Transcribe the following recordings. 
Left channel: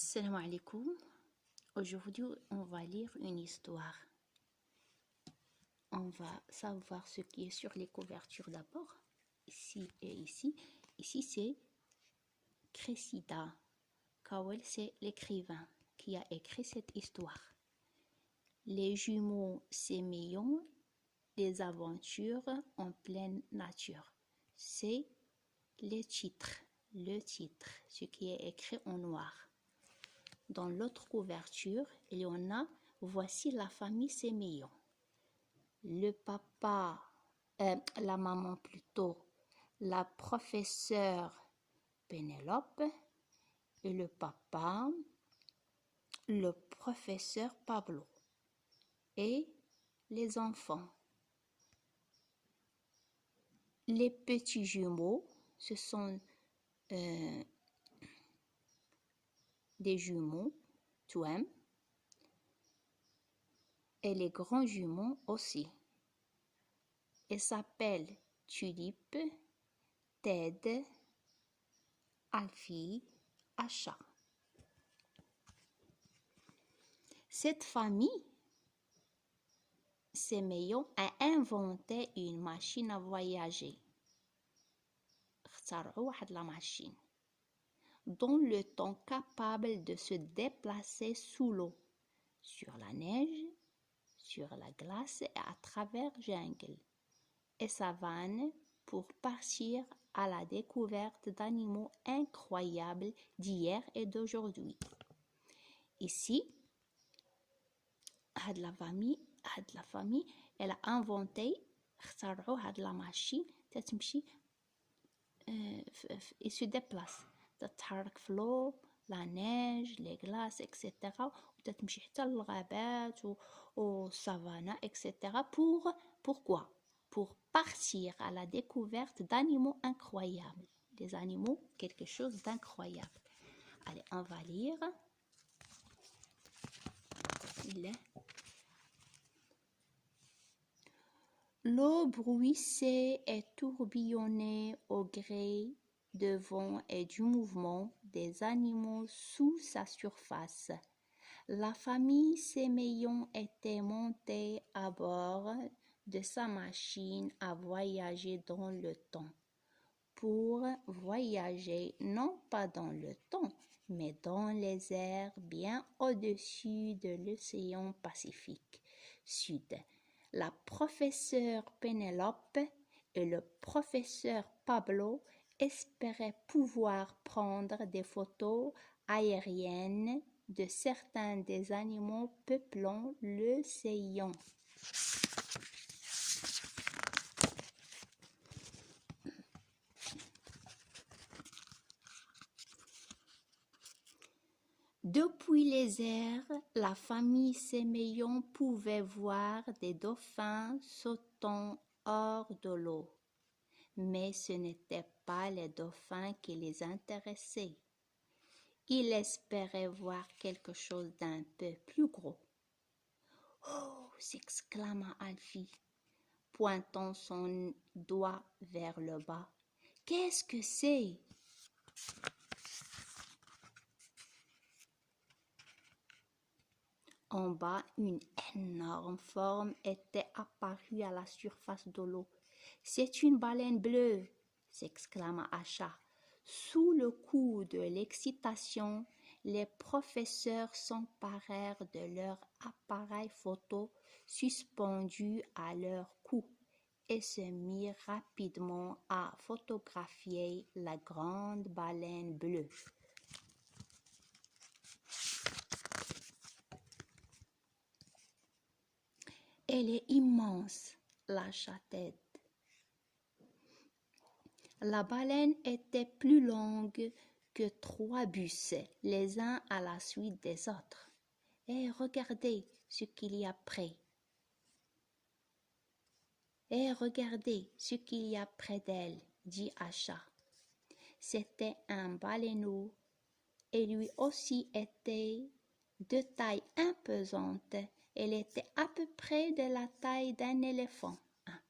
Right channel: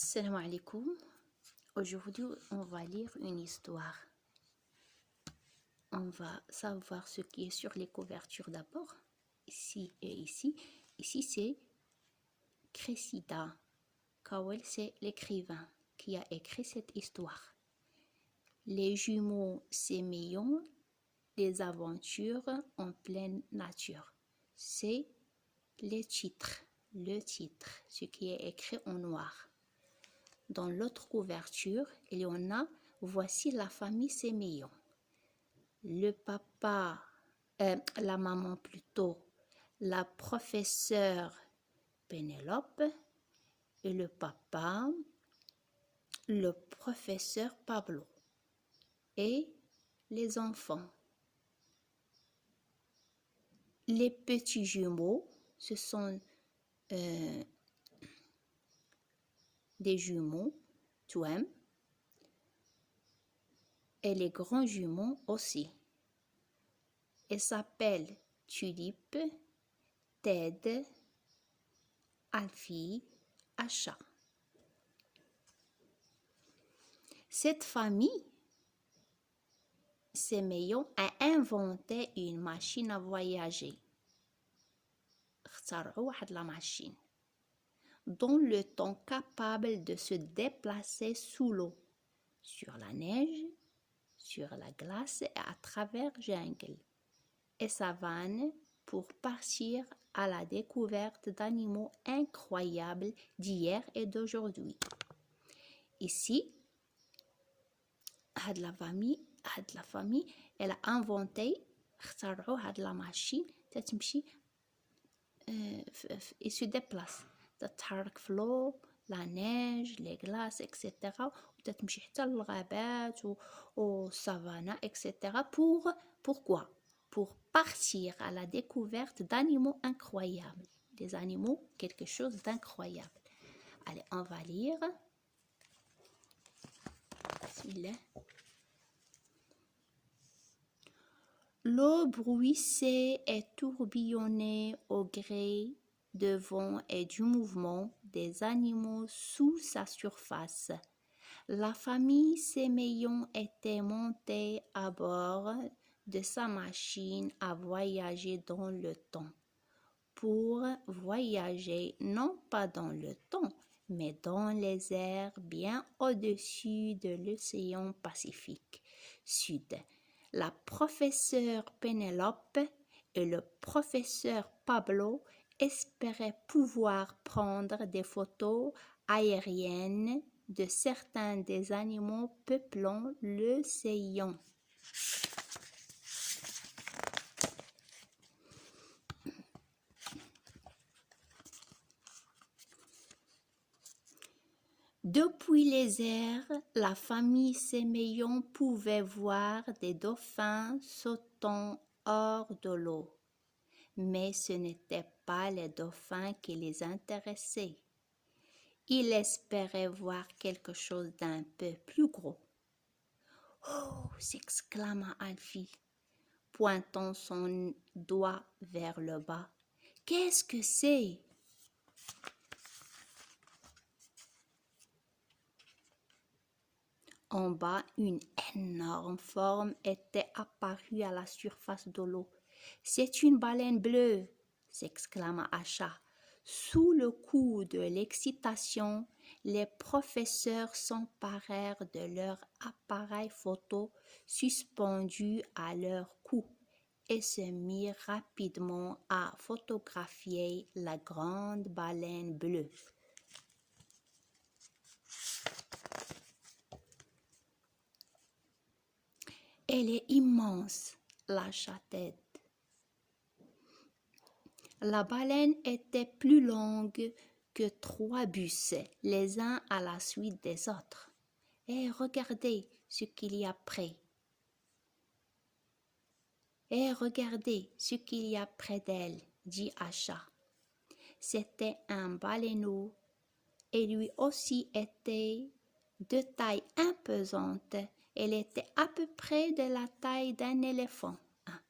Salam alaikum. Aujourd'hui, on va lire une histoire. On va savoir ce qui est sur les couvertures d'abord. Ici et ici. Ici, c'est Cressida. Kawel, c'est l'écrivain qui a écrit cette histoire. Les jumeaux s'émeillent des aventures en pleine nature. C'est le titre, ce qui est écrit en noir. Dans l'autre couverture, il y en a « Voici la famille s'émeillant ». Le papa, la maman plutôt, la professeure Pénélope et le papa, le professeur Pablo et les enfants. Les petits jumeaux, ce sont des jumeaux, twins, et les grands jumeaux aussi. Ils s'appellent Tulipe, Ted, Alfie, Acha. Cette famille s'émeillant a inventé une machine à voyager. La machine dont le temps capable de se déplacer sous l'eau, sur la neige, sur la glace et à travers jungle et savane pour partir à la découverte d'animaux incroyables d'hier et d'aujourd'hui. Ici, la famille, elle a inventé la machine et se déplace. تتحرك في l'eau, la neige, les glaces, etc. وتتمشي حتى للغابات والسافانا, etc. Pourquoi? Pour partir à la découverte d'animaux incroyables. Des animaux, quelque chose d'incroyable. Allez, on va lire. L'eau bruissait et tourbillonnait au gré de vent et du mouvement des animaux sous sa surface. La famille s'émeillant était montée à bord de sa machine à voyager dans le temps. Pour voyager non pas dans le temps, mais dans les airs bien au-dessus de l'océan Pacifique Sud. La professeure Pénélope et le professeur Pablo espéraient pouvoir prendre des photos aériennes de certains des animaux peuplant l'océan. Depuis les airs, la famille s'émeillant pouvait voir des dauphins sautant hors de l'eau. Mais ce n'étaient pas les dauphins qui les intéressaient. Ils espéraient voir quelque chose d'un peu plus gros. « Oh !» s'exclama Alfie, pointant son doigt vers le bas. « Qu'est-ce que c'est ?» En bas, une énorme forme était apparue à la surface de l'eau. « C'est une baleine bleue !» s'exclama Acha. Sous le coup de l'excitation, les professeurs s'emparèrent de leur appareil photo suspendu à leur cou et se mirent rapidement à photographier la grande baleine bleue. Elle est immense, lâcha Ted. La baleine était plus longue que 3 bus, les uns à la suite des autres. Et regardez ce qu'il y a près. Et regardez ce qu'il y a près d'elle, dit Acha. C'était un baleineau et lui aussi était de taille imposante. Elle était à peu près de la taille d'un éléphant. Ah,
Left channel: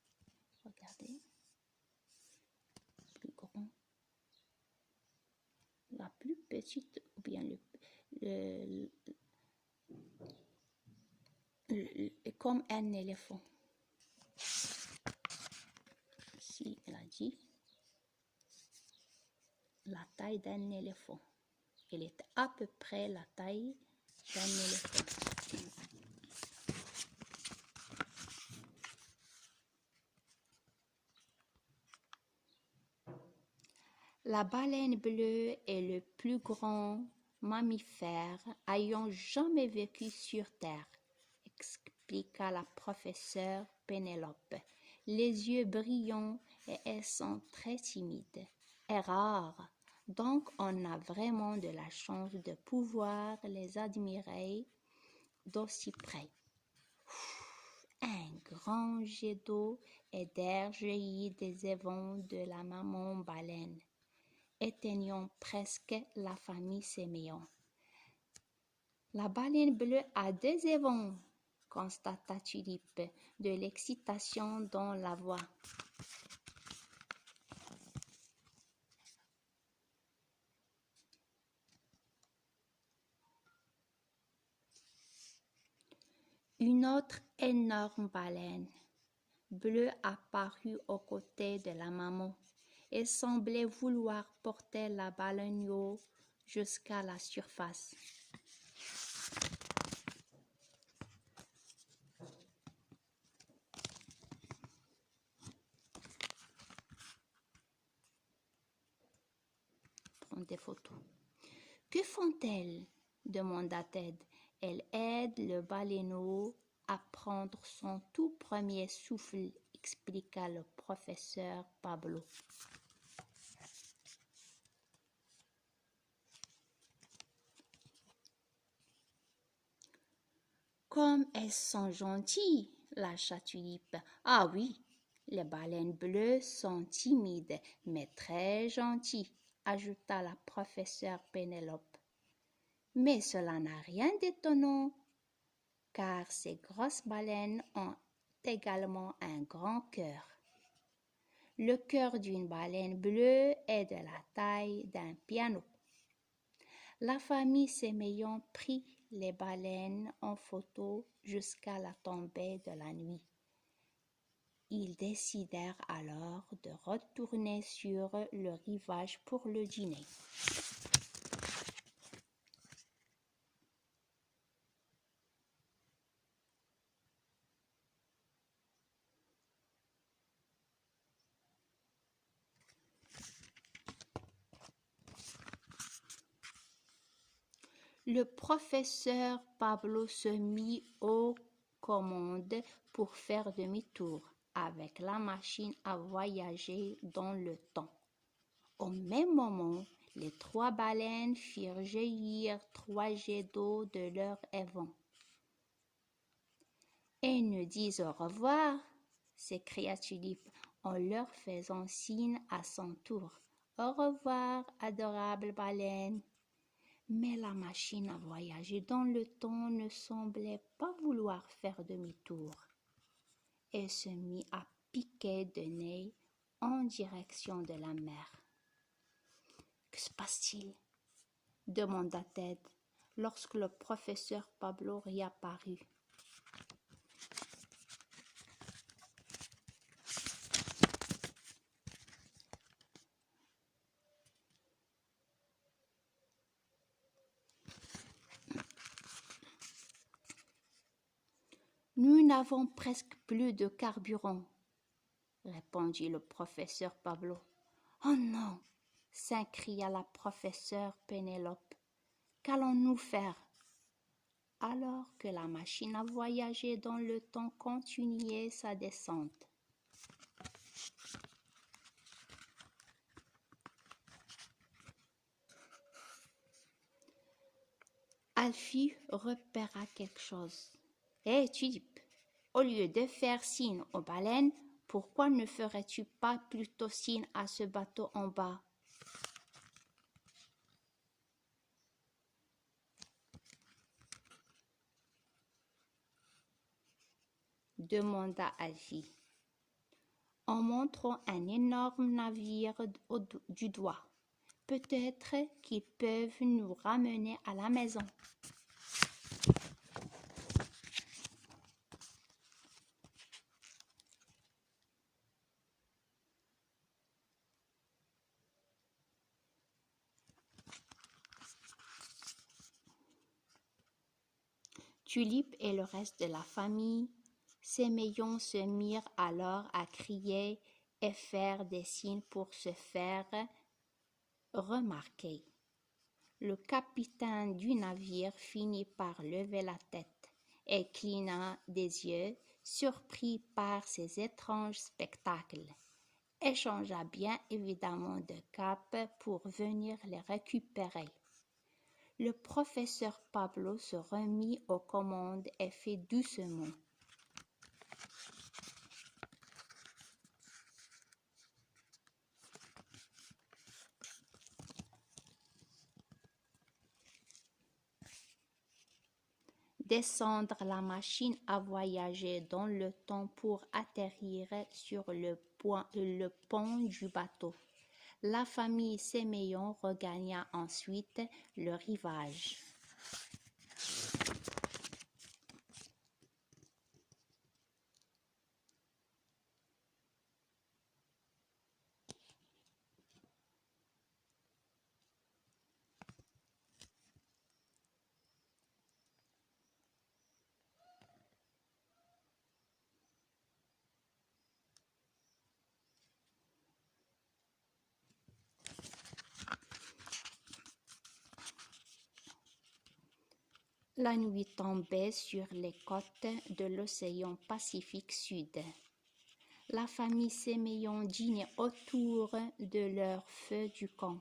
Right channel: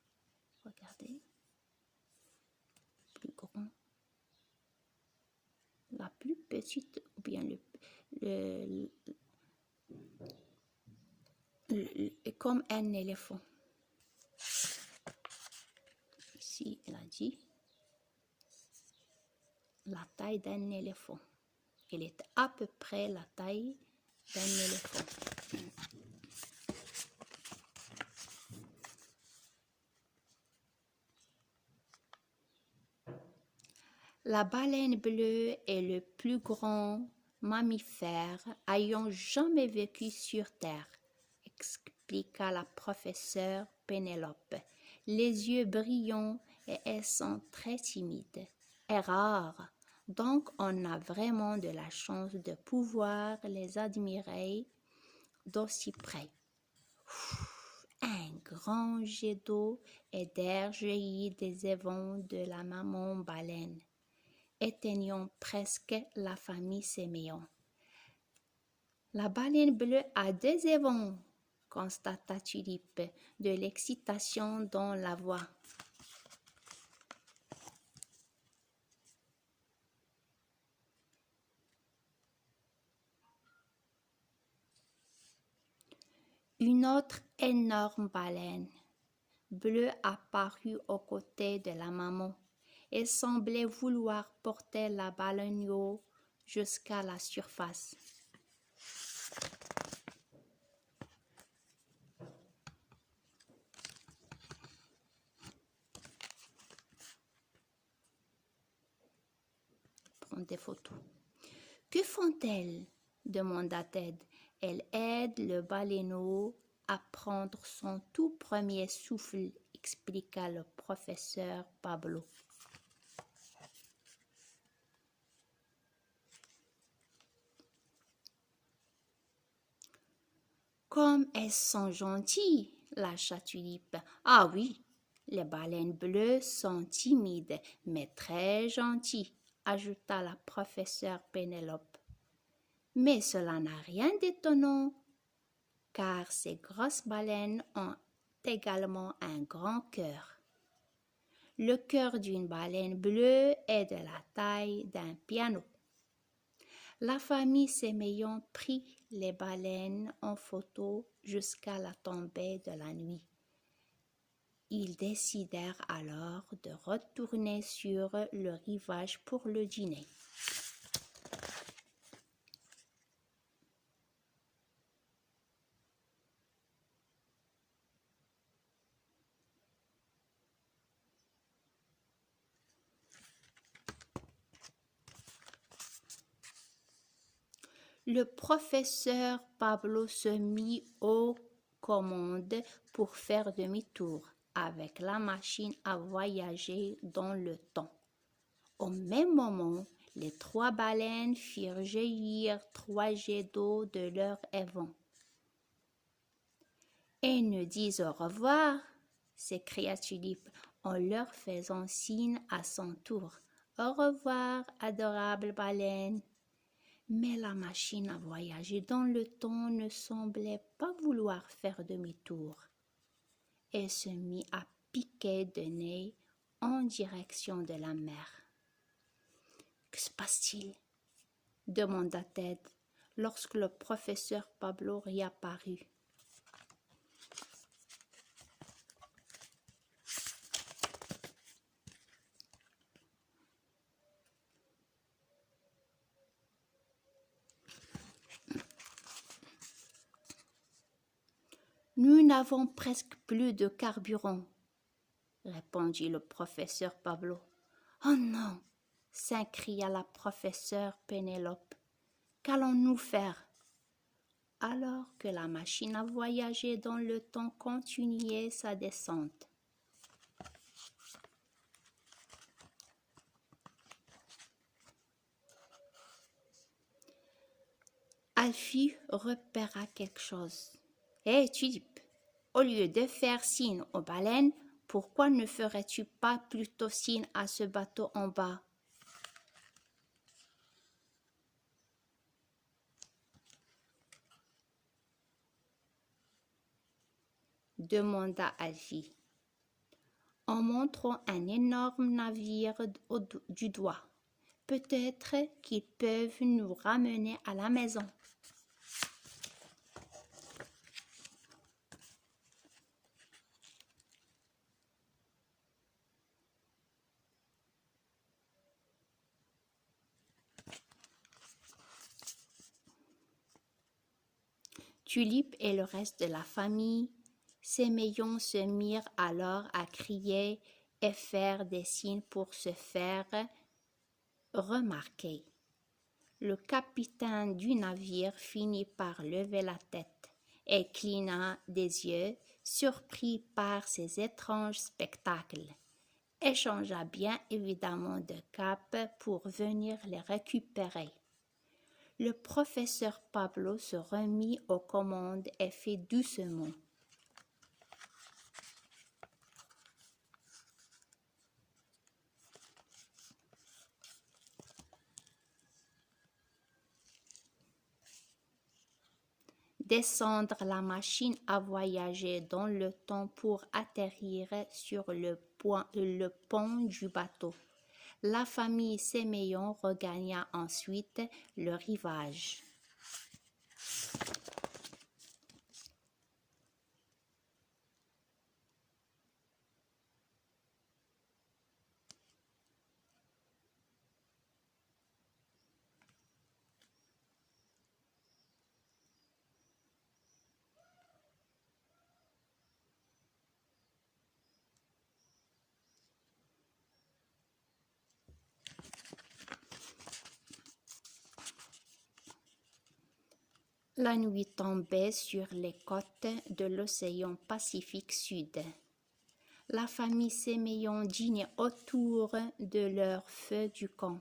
regardez. Plus grand. La plus petite ou bien comme un éléphant. Ici, il a dit la taille d'un éléphant. Il est à peu près la taille d'un éléphant. La baleine bleue est le plus grand mammifère ayant jamais vécu sur Terre, expliqua la professeure Pénélope. Les yeux brillants et elles sont très timides et rares, donc on a vraiment de la chance de pouvoir les admirer d'aussi près. Un grand jet d'eau et d'air jaillit des évents de la maman baleine, éteignant presque la famille sémillant. La baleine bleue a 2 évents, constata Tulipe, de l'excitation dans la voix. Une autre énorme baleine bleue apparut aux côtés de la maman. Elle semblait vouloir porter la baleine jusqu'à la surface. Prendre des photos. Que font-elles? Demanda Ted. Elle aide le baleineau à prendre son tout premier souffle, expliqua le professeur Pablo. Comme elles sont gentilles, lâcha Tulipe. Ah oui, les baleines bleues sont timides, mais très gentilles, ajouta la professeure Pénélope. Mais cela n'a rien d'étonnant, car ces grosses baleines ont également un grand cœur. Le cœur d'une baleine bleue est de la taille d'un piano. La famille Séméillon prit les baleines en photo jusqu'à la tombée de la nuit. Ils décidèrent alors de retourner sur le rivage pour le dîner. Le professeur Pablo se mit aux commandes pour faire demi-tour avec la machine à voyager dans le temps. Au même moment, les 3 baleines firent jaillir 3 jets d'eau de leur évent. « Et nous disent au revoir !» s'écria Tulipe en leur faisant signe à son tour. « Au revoir, adorable baleine !» Mais la machine à voyager dans le temps ne semblait pas vouloir faire demi-tour. Elle se mit à piquer de nez en direction de la mer. « Que se passe-t-il » demanda Ted lorsque le professeur Pablo réapparut. Nous n'avons presque plus de carburant, répondit le professeur Pablo. Oh non, s'écria la professeure Pénélope. Qu'allons-nous faire? Alors que la machine à voyager dans le temps continuait sa descente. Alfie repéra quelque chose. Hé, Tulipe, au lieu de faire signe aux baleines, pourquoi ne ferais-tu pas plutôt signe à ce bateau en bas? Demanda Alfie, en montrant un énorme navire du doigt. Peut-être qu'ils peuvent nous ramener à la maison. Tulipe et le reste de la famille Séméon se mirent alors à crier et faire des signes pour se faire remarquer. Le capitaine du navire finit par lever la tête et cligna des yeux, surpris par ces étranges spectacles, et changea bien évidemment de cap pour venir les récupérer. Le professeur Pablo se remit aux commandes et fit doucement. Descendre la machine à voyager dans le temps pour atterrir sur le pont du bateau. La famille Séméon regagna ensuite le rivage. La nuit tombait sur les côtes de l'océan Pacifique Sud. La famille Séméon dînait autour de leur feu du camp.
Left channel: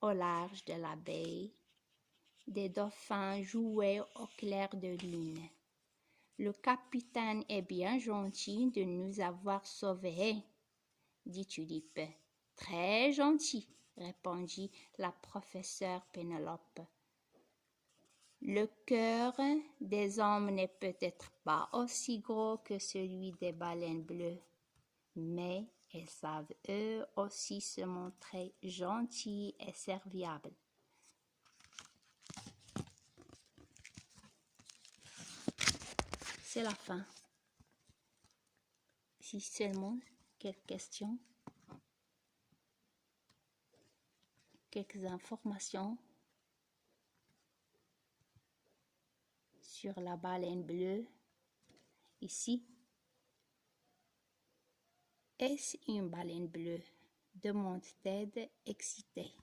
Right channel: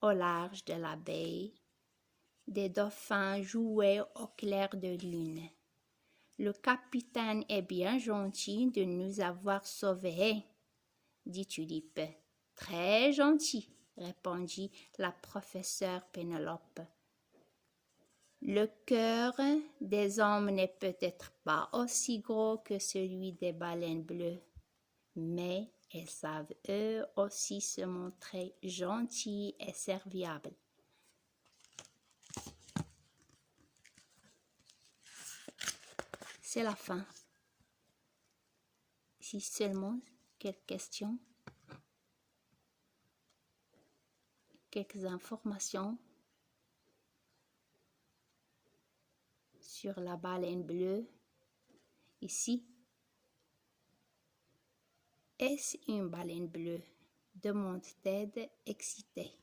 Au large de la baie, des dauphins jouaient au clair de lune. Le capitaine est bien gentil de nous avoir sauvés, dit Tulipe. Très gentil, répondit la professeure Pénélope. Le cœur des hommes n'est peut-être pas aussi gros que celui des baleines bleues, mais elles savent eux aussi se montrer gentils et serviables. C'est la fin. Si seulement quelques questions, quelques informations sur la baleine bleue. Ici, est-ce une baleine bleue? Demande Ted excité.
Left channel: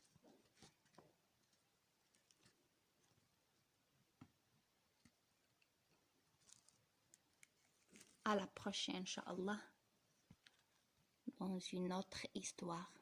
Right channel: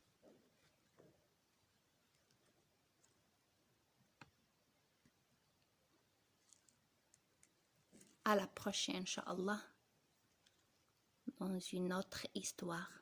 À la prochaine, Inch'Allah, dans une autre histoire.